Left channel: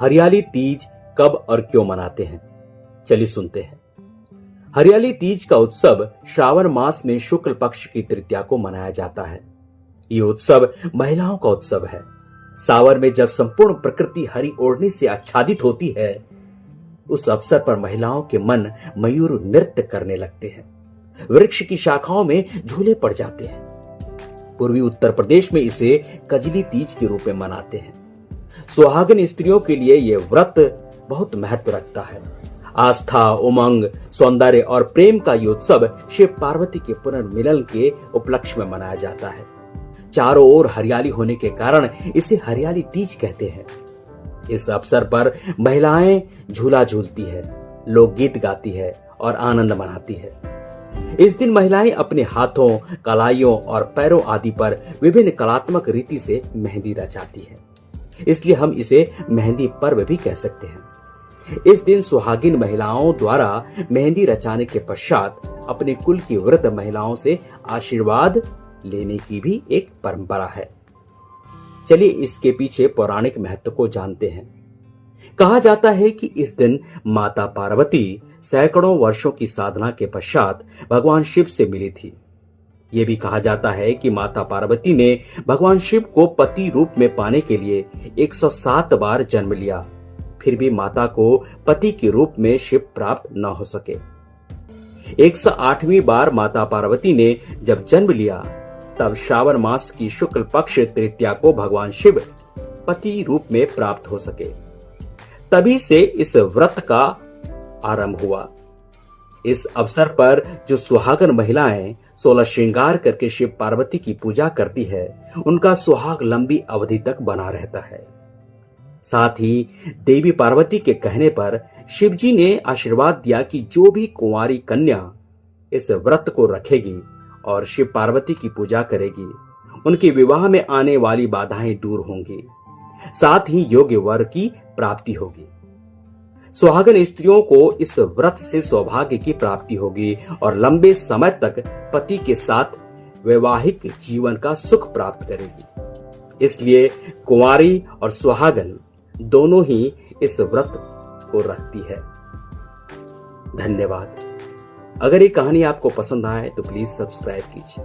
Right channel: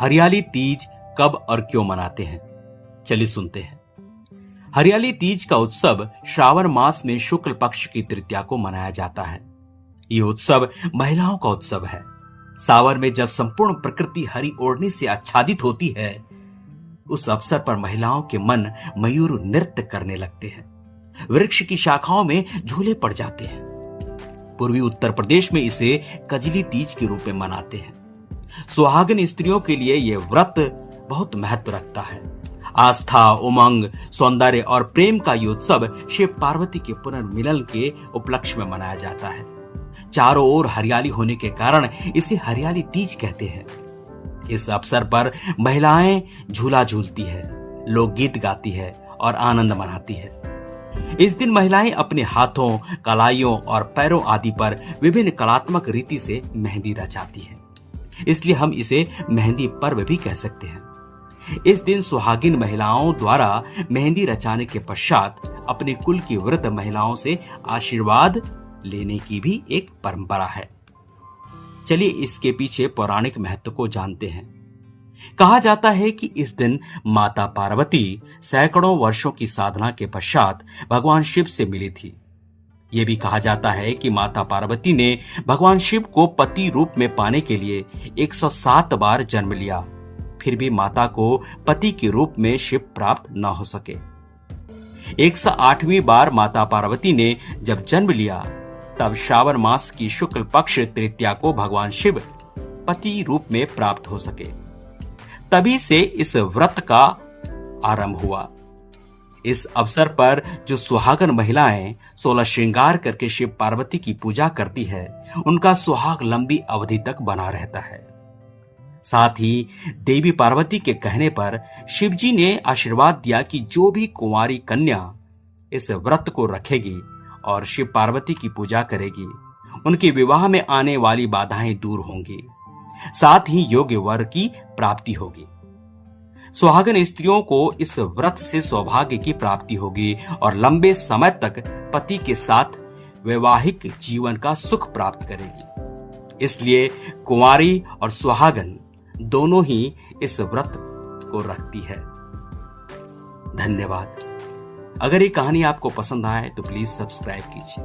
हरियाली तीज कब और क्यों मनाते हैं, चलिए सुनते हैं। हरियाली तीज का उत्सव श्रावण मास में शुक्ल पक्ष की तृतीया को मनाया जाता है। ये उत्सव महिलाओं का उत्सव है। सावन में जब संपूर्ण प्रकृति हरी ओढ़नी से आच्छादित होती है, उस अवसर पर महिलाओं के मन मयूर नृत्य करने लगते हैं। वृक्ष की शाखाओं में झूले पड़ जाते हैं। पूर्वी उत्तर प्रदेश में इसे कजली तीज के रूप में मनाते हैं। सुहागन स्त्रियों के लिए यह व्रत बहुत महत्व रखता है। आस्था, उमंग, सौंदर्य और प्रेम का ये उत्सव शिव पार्वती के पुनर्मिलन के उपलक्ष्य में मनाया जाता है। चारों ओर हरियाली होने के कारण इसे हरियाली तीज कहते हैं। इस अवसर पर महिलाएं झूला झूलती है, लोकगीत गाती है और आनंद मनाती है। इस दिन महिलाएं अपने हाथों, कलाइयों और पैरों आदि पर विभिन्न कलात्मक रीति से मेहंदी रचाती है, इसलिए हम इसे मेहंदी पर्व भी कह सकते हैं। इस दिन सुहागिन महिलाओं द्वारा मेहंदी रचाने के पश्चात अपने कुल की वृद्ध महिलाओं से आशीर्वाद लेने की भी एक परंपरा है। चलिए इसके पीछे पौराणिक महत्व को जानते हैं। कहा जाता है कि इस दिन माता पार्वती सैकड़ों वर्षों की साधना के पश्चात भगवान शिव से मिली थी। यह भी कहा जाता है कि माता पार्वती ने भगवान शिव को पति रूप में पाने के लिए 107 बार जन्म लिया, फिर भी माता को पति के रूप में शिव प्राप्त न हो सके। 108वीं बार माता पार्वती ने जब जन्म लिया, तब श्रावण मास की शुक्ल पक्ष तृतीया को भगवान शिव पति रूप में प्राप्त हो सके। तभी से इस व्रत का आरंभ हुआ। इस अवसर पर जो सुहागन महिलाएं 16 श्रृंगार करके शिव पार्वती की पूजा करती है, उनका सुहाग लंबी अवधि तक बना रहता है। साथ ही देवी पार्वती के कहने पर शिवजी ने आशीर्वाद दिया कि जो भी कुंवारी कन्या इस व्रत को रखेगी और शिव पार्वती की पूजा करेगी, उनके विवाह में आने वाली बाधाएं दूर होंगी, साथ ही योग्य वर की प्राप्ति होगी। सुहागन स्त्रियों को इस व्रत से सौभाग्य की प्राप्ति होगी और लंबे समय तक पति के साथ वैवाहिक जीवन का सुख प्राप्त करेगी। इसलिए कुंवारी और सुहागन दोनों ही इस व्रत को रखती है। धन्यवाद। अगर ये कहानी आपको पसंद आए तो प्लीज सब्सक्राइब कीजिए।